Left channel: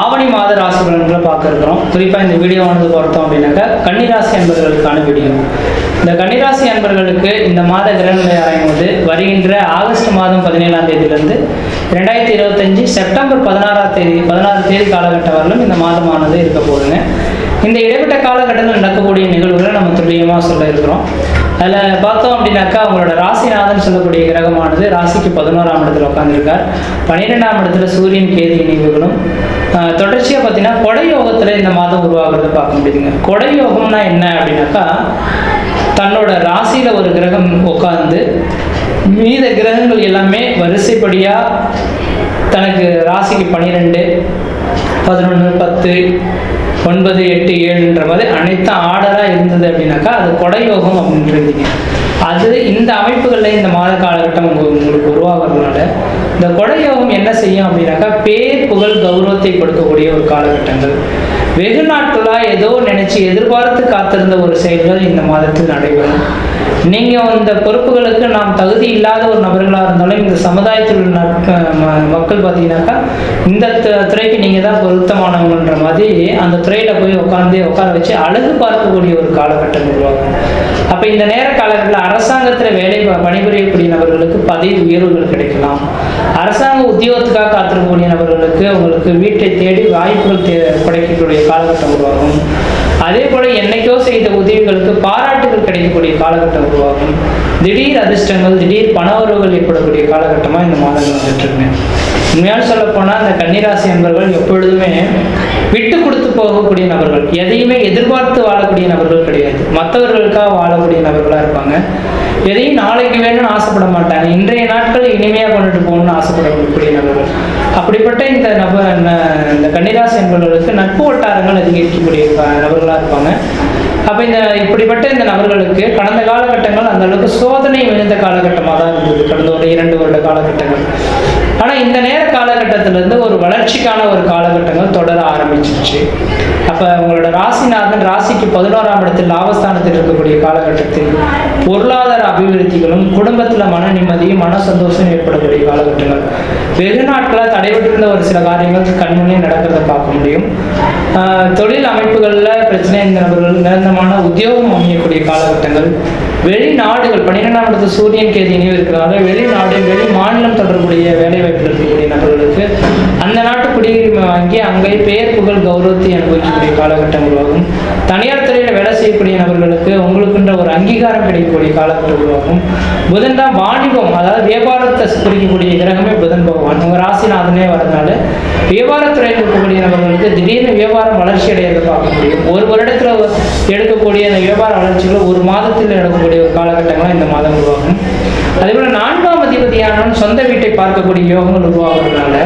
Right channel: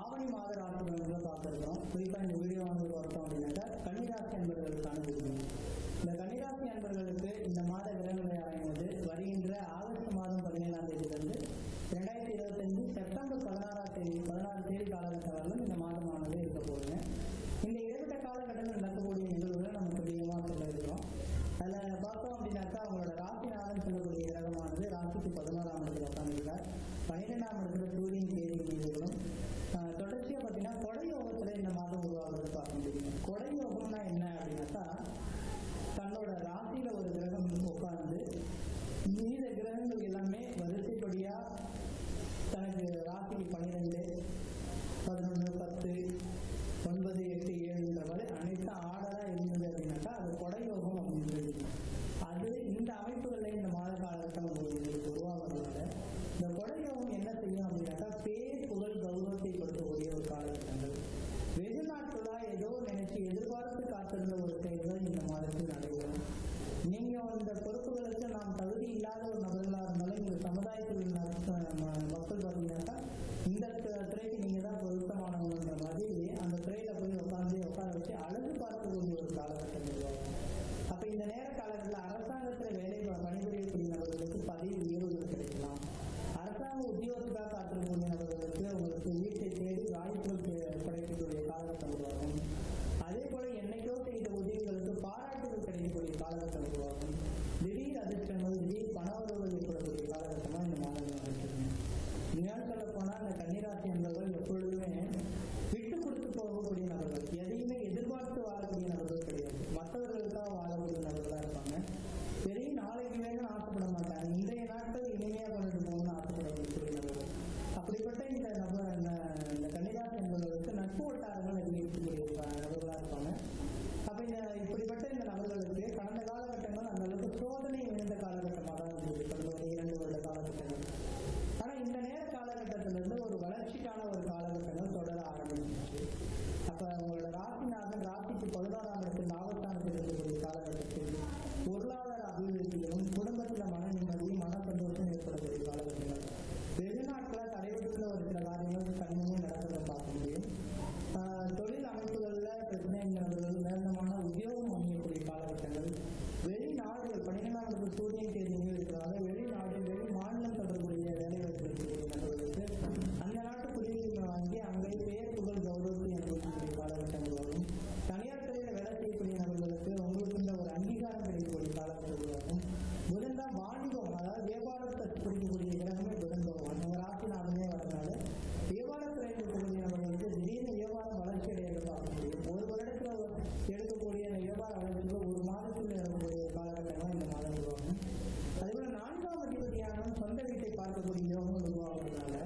ஆவணி மாத ராசி பலன்களை பார்க்க இருக்கிறோம். குறிப்பாக இந்த வீடியோவானது பார்த்தோம் அப்படின்னாக்கா கன்னிராசி அன்பர்களுக்கான வீடியோ. இந்த கன்னிராசி அன்பர்களுக்கு இந்த மாத கிரகங்களை ஆராயும் போது வருகின்ற ஆகஸ்ட் மாதம் 17ஆம் தேதியிலிருந்து 2025 செப்டம்பர் 16 தேதி காலகட்டம் வரலும் இந்த மாதமானது இருக்க போகுதுங்க. இந்த இடைப்பட்ட காலகட்டத்தில் நடக்கக்கூடிய நிகழ்வுகளை நம்ம துல்லியமாக சொல்ல இருக்கிறோம். அதில் பார்த்தோம் அப்படின்னாக்கா அவங்களோட ராசிநாதன் சொல்லக்கூடிய கிரகமானது ராசிக்கு 11ஆம் இடத்துல உட்காந்துருக்கார். 12ஆம் இடத்துல சூரியன் கேது இணைவுகளும் தொடர்ச்சியாக பார்த்தீங்கன்னா கொடை யோகத்தில் இந்த மாதம் உருவாகிறத பார்க்க முடியுதுங்க. கொடை யோகம்னா என்ன அப்படின்னாக்கா தன்னோட ராசியில் ஒரு கிரகம் உட்காந்து மீத கிரகங்கள் எல்லாமே வரிசைப்படியாக தனக்கு ராசிக்கு 12, 11, 10, 9, 8, 7ன்ற மாதிரி அனைத்தும் ஆர்டராக இருந்தது அப்படின்னாக்கா அது கொடை யோகம் அப்படின்றதுங்க. அது இந்த அமைப்புகளில் இந்த மாத காலகட்டம் உங்களுக்கு உருவாகிறதுனால இந்த கொடை யோகம் என்ன செய்யும் அப்படின்னாக்கா பேர் புகழ் கௌரவத்தை கொடுக்கக்கூடிய ஒரு காலகட்டங்கள். வெகு நாட்களாக ஏதோ நினைச்சு எதிர்பார்த்து காத்திருந்த ஒரு செயல்கள் இந்த மாதத்தில் நடைபெறும். நீங்கள் இந்த பொறுப்புகளுக்கு நாம் தகுதி இல்லாத ஒரு நபர்களாக இருந்தாலும் இந்த சமுதாயத்தில் உள்ள மக்கள் பார்த்தீங்கன்னாக்கா இந்த துறைக்கு நீங்கள் தான் பொருத்தமானவங்கன்ற மாதிரி அந்த துறையில் போய் உட்கார வச்சு அழகு பார்க்கக்கூடிய ஒரு காலகட்டம் உருவாகும். அப்போ இந்த நேர காலகட்டத்தில் அரசாங்கத்தில் பணிபுரியக்கூடிய நபர்களுக்கு பதவி உயர்வுகள் கிடைக்கலாம். அரசாங்க உத்தியோகத்துக்காக காத்திருக்கக்கூடிய நபர்களுக்கு உங்களுக்கு வீட்டை தேடி வாய்ப்புகள் கிடைக்கக்கூடிய காலகட்டம் உருவாகும். அதே போல என்னைக்கோ செய்த உதவிகளுக்கு பாராட்டுகள் கிடைக்கக்கூடிய காலகட்டம் உருவாகும். திடீர் அதிர்ஷ்டங்கள், திடீர் பண உறவுகள் ஏற்படக்கூடிய காலகட்டமாக இந்த மாதங்கள் வந்துட்டு இருக்குங்க. உண்மையாக சொல்ல போனால் இந்த கன்னிராசி என்பவர்கள் எப்பொழுதுமே விட்டு கொடுத்து போகக்கூடிய நபர்கள், எதையுமே எதிர்பார்த்து வாழக்கூடிய நபர்கள் கிடையாது. மற்றவர்களுக்காக வாழக்கூடிய நபர்களாக இருப்பாங்க. எதையும் நாளைக்கு வேணும்னு ஆசைப்பட மாட்டாங்க. இன்றைய நாட்கள் இனிமையாக கொண்டுட்டு போகணும்னு ஆசைப்படக்கூடிய நபர்கள். அப்படிப்பட்ட இந்த கன்னிராசி என்பவர்களுக்கு நட்பு வட்டாரங்கள் அதிகரிக்கக்கூடிய நபர்களாக இருப்பாங்க. அப்போ இப்படிப்பட்ட இந்த நபர்களுக்கு கடந்த காலகட்டங்கள் அந்த அளவுக்கு சோதனை மிகுந்த காலகட்டமாக தான் இருந்தது, கடந்த ஒரு 2 வருட காலகட்டங்கள். ஆனால் இந்த நேர காலகட்டத்திலிருந்து ஒரு வளர்ச்சிக்கான ஒரு காலகட்டங்கள் தொடர ஆரம்பிச்சிருச்சு. அப்போ உங்களோட ராசிநாதன் ராசிக்கு 11ஆம் இடத்தில் லாபஸ்தானத்தில் இருக்கக்கூடிய காலகட்டத்தில் பொருளாதார அபிவிருத்திகளும் குடும்பத்தில் மன நிம்மதியும் மன சந்தோஷம் ஏற்படக்கூடிய காலகட்டங்கள். வெகு நாட்களாக தடைபட்டிருந்த ஒரு சில காரியங்கள் கண்முன்னே நடக்கிறத பார்க்க முடியும். தொழில் அமைப்புகளில் பிரச்சனை இந்த நபர்கள் நிரந்தரமான உத்தியோகம் அமையக்கூடிய காலகட்டங்கள். வெளிநாடுகள் 12ஆம் இடத்துல சூரியன் கேது இணைவு இருக்கிறதால வெளிநாடு வெளி மாநிலம் தொடர்புடைய வேலை வாய்ப்பில் இருக்கக்கூடிய நபர்களுக்கு அந்த நாட்டு குடியுரிமை வாங்கி அங்கே பெயர் புகழ் கௌரவத்தை அனுபவிக்கக்கூடிய காலகட்டம் உருவாகும். தனியார் துறையில் வேலை செய்யக்கூடிய நபர்களுக்கு உங்களுக்குன்ற ஒரு அங்கீகாரம் கிடைக்கக்கூடிய காலகட்டம் உருவாகும். புதன் தான் வாணிபம், அதாவது வியாபாரத்தை குறிக்கக்கூடிய கிரகமே புதன் பகவான். உங்கள் ராசிநாதனே வரதுனால வியாபாரத்துறையில் இருக்கக்கூடிய நபர்களுக்கு திடீர்னு வியாபாரம் வளர்ச்சி அடையிறதை பார்க்க முடியும். ஒரு வருடத்தில் எடுக்கக்கூடிய அந்த வியாபார வளர்ச்சிகள் ஒரு மாதத்தில் எடுக்கக்கூடிய ஒரு காலகட்டங்களாக இந்த மாதம் உருவாகும். அதேபோல் 4ஆம் அதிபதியான சொந்த வீட்டை பார்க்கக்கூடிய யோகங்கள் உருவாகிறதுனால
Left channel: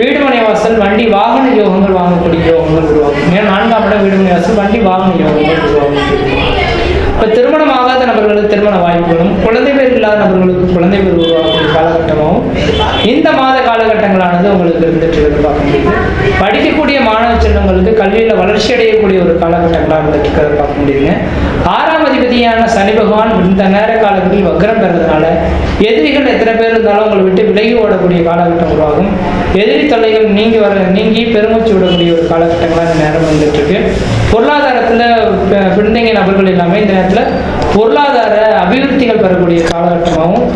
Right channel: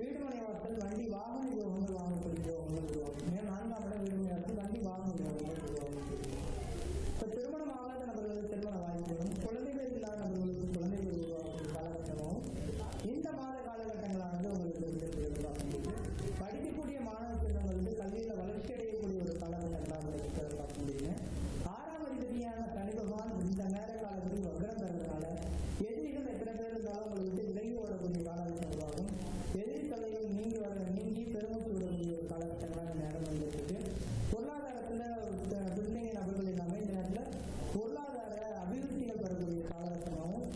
வீடுமனை வாசல் வண்டி வாகன யோகங்கள் வாங்கக்கூடிய யோகங்கள் உருவாகும். ஏன்னா 4ஆம் இடம் வீடுமனை வாசல் வண்டி வாகன யோகங்கள் உருவாகும். இப்போ திருமணம் ஆகாத நபர்களுக்கு திருமண வாய்ப்புகளும் குழந்தை பேர் இல்லாத நபர்களுக்கு குழந்தை பேர் உருவாகக்கூடிய காலகட்டமாகவும் இந்த மாத காலகட்டங்களானது உங்களுக்கு இருந்துட்டு பார்க்க முடியுது. படிக்கக்கூடிய மாணவ செல்வங்களுக்கு கல்வியில் வளர்ச்சி அடையக்கூடிய ஒரு காலகட்டங்களாக இருந்துட்டு இருக்கிறத பார்க்க முடியுங்க. 6ஆம் அதிபதியான சனி பகவான் இந்த நேர காலங்களில் வக்ரம் பெறதுனால எதிரிகள் எத்தனை பேர் இருந்தாலும் உங்களை விட்டு விலகி ஓடக்கூடிய காலகட்டம் உருவாகும். எதிரி தொல்லைகள் நீங்கி பெருமூச்சு விடக்கூடிய ஒரு காலகட்டங்களாக இந்த நேரம் வந்துட்டு இருக்கு. பொருளாதாரத்தில் பின்தங்கிய நபர்கள் எல்லாமே இந்த நேரத்தில் பொருளாதார அபிவிருத்திகள் பெறக்கூடிய காலகட்டமாகவும்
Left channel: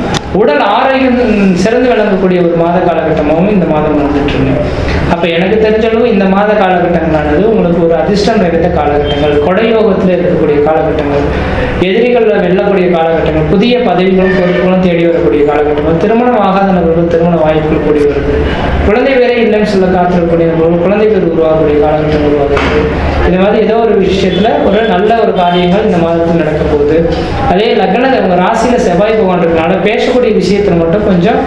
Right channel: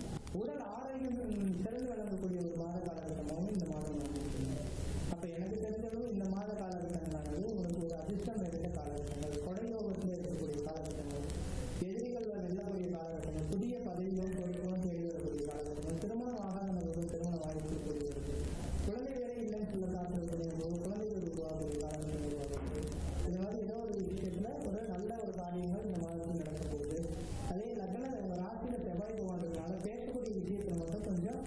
உடல் ஆரோக்கியம் சிறந்து விளங்கக்கூடிய ஒரு மாத காலகட்டமாகவும் இந்த மாதம் வந்துட்டு இருக்கு. அப்போ எனக்கு தெரிஞ்சளவு இந்த மாத காலகட்டங்களானது உங்களுக்கு ஒரு அதிர்ஷ்டம் நிறைந்த காலகட்டங்கள், கொடையோகத்தில் இருக்கக்கூடிய காலகட்டங்கள், எதிரிகளில் வெல்லக்கூடிய காலகட்டங்கள், புதிய பதவிகளும் பொறுப்புகளும் தேடி வரக்கூடிய காலகட்டங்கள், திருமணம் ஆகாத நபர்கள் திருமண வாய்ப்புகள் கூடி வருது, குழந்தை பேரே இல்லைன்னு சொல்ல காத்திருக்கக்கூடிய நபர்கள் குழந்தை பேர் உருவாகக்கூடிய காலகட்டம் உருவாகுது. இந்த மாதிரி ஏதோ ஒரு விஷயத்தில் ஒரு நல்ல ஒரு காரியங்கள் இந்த மாதத்தில் நடக்க போகுது. அதே லக்னத்தை உங்கள் ராசியில் செவ்வாய் பகவான் இருக்கனால பேசக்கூடிய விஷயத்தில் மட்டும் கொஞ்சம்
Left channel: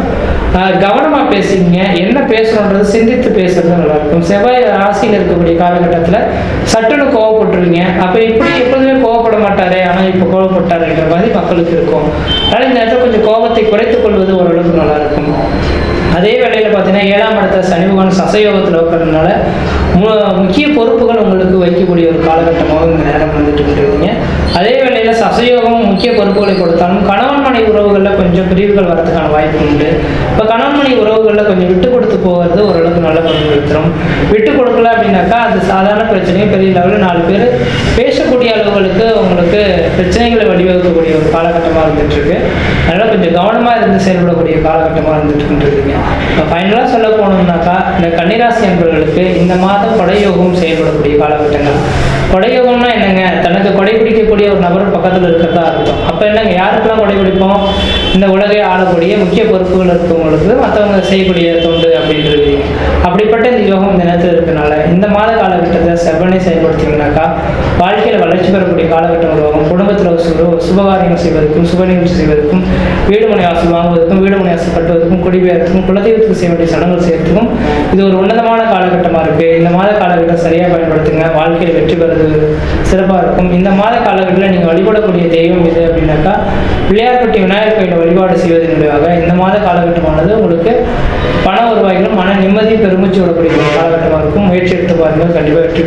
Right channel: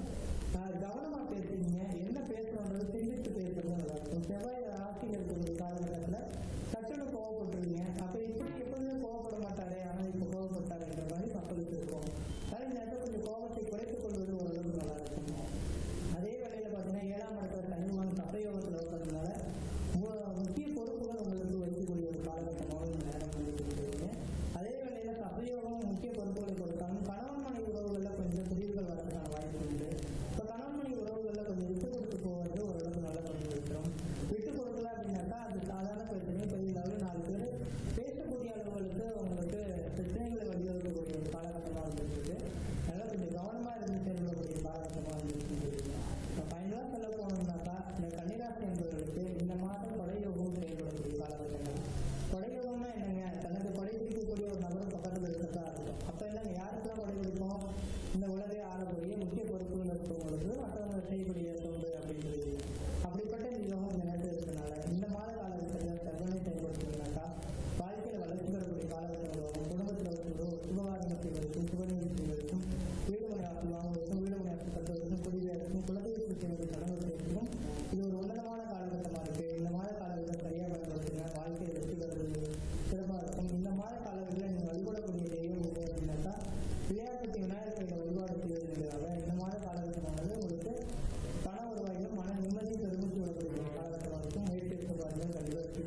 கவனமாக பேசுங்க. என்ன பேசணுன்றது சிந்தித்து பேசுறது நல்லாயிருக்கும். செவ்வாய் ராசியில் இருக்கக்கூடிய காலகட்டத்தில் சட்டுன்னு கோவப்பட்டுருவீங்க. அப்போ இப்படி எப்போதுமே கோவப்பட மாட்டாரே, ஆனால் இப்போ கோவப்பட்டாருன்ற மாதிரி மக்களுக்கு இருக்கும். அதனால் இந்த இடத்துல கொஞ்சம் கோபத்தை குறைத்துக் கொள்வது ஓரளவுக்கு நல்லாயிருக்கும். அதே வேளையில் பார்த்தீங்கன்னா 7ஆம் இடத்துல சனி பகவான் சசயோகத்தில் இருக்கிறதுனால முக்கிய பொறுப்புகள் உங்களுக்கு வைக்கக்கூடிய ஒரு காலகட்டமாக இந்த நேரம் வந்துட்டு இருக்கீங்க. அதே வேளையில் சசயோகம் முக்கிய பொறுப்புகளை கொடுத்தாலும் கணவன் மனை உறவுகளில் கொஞ்சம் பிரிவுகள் வரதுக்கான வாய்ப்பு உண்டு. இப்போ கணவன் மனை உறவுகளில் கொஞ்சம் விட்டு கொடுத்து போகிறது ஓரளவுக்கு நல்ல பலன் கொடுத்துரும். விட்டு கொடுக்கல அப்படின்னாக்கா அது சாதாரண பிரச்சனையும் பெரிய லெவலில் 4 பேர் பேசக்கூடிய அளவுகளுக்கு உங்களுக்கு பிரச்சனைகளை வழிவகுக்கக்கூடிய ஒரு காலகட்டமாக இருந்துகிட்ருக்கு. அதனால் கொஞ்சம் கவனமாக இருந்து செயல்படக்கூடிய காலகட்டமாக இருந்துகிட்ருக்குங்க. இப்போ ஃபைனலாக சொல்ல போனோம்னாக்கா இந்த கன்னிராசி அன்பர்களுக்கு இந்த மாதம் கொடையோகம் செயல்படக்கூடிய காலகட்டங்கள். கொடையோகம்னா என்னங்க? தனக்கு கொடை பிடிக்கக்கூடிய ஒரு நபர் பக்கத்தில் இருக்கிறதா இருக்கும். அப்போ என்னங்க, யாருக்கெல்லாம் கொடை பிடிப்போம்? இந்த உலகை ஆளக்கூடிய முக்கிய பொறுப்புகள் இருக்கவங்களுக்கு மற்றவங்க செய்யக்கூடிய தொண்டு அப்படின்றது. அப்படிப்பட்ட இந்த யோகம் இந்த நேரத்தில் இருக்கனால இந்த மாத காலகட்டத்தை செவ்வனை செயல்படுத்திங்கனாக்கா வாழ்க்கையில் வளர்ச்சி பெறக்கூடிய காலகட்டம் உருவாகும். குடும்பத்தில் சுபகாரியங்கள் செய்வதற்கும் சுப நிகழ்ச்சி செய்வதற்கும் வீடு மனை வாசல் வாங்குவதற்கும் வீடு மனை வாசல் கட்டுவதற்கும் குடிபெயர்த்துக்கும் குலதெய்வத்துக்கு செய்ய வேண்டிய சடங்குகள் செய்யறதுக்கும் இது ஒரு உன்னதமான காலகட்டமாக இருக்குது. இந்த மாத காலகட்டம் சரியாக பயன்படுத்துங்க. வாழ்க்கையில் வெற்றி பெறது சிறப்பாக இருக்கும். இந்த மாத காலகட்டத்தில் நீங்கள் வழிபடக்கூடிய தெய்வம் இது அப்படின்னாக்கா பிள்ளையார்பட்டி விநாயகர் கோயிலை வழிபாடு செய்வதன் மூலமாக இந்த மாத காலகட்டமானது உங்களுக்கு பண வருவாய்களும் மன நிம்மதி பெருமிச்சு விடக்கூடிய காலகட்டமாக இருக்கும். முயற்சி எடுத்து பாருங்கள், கண்டிப்பாக வெற்றி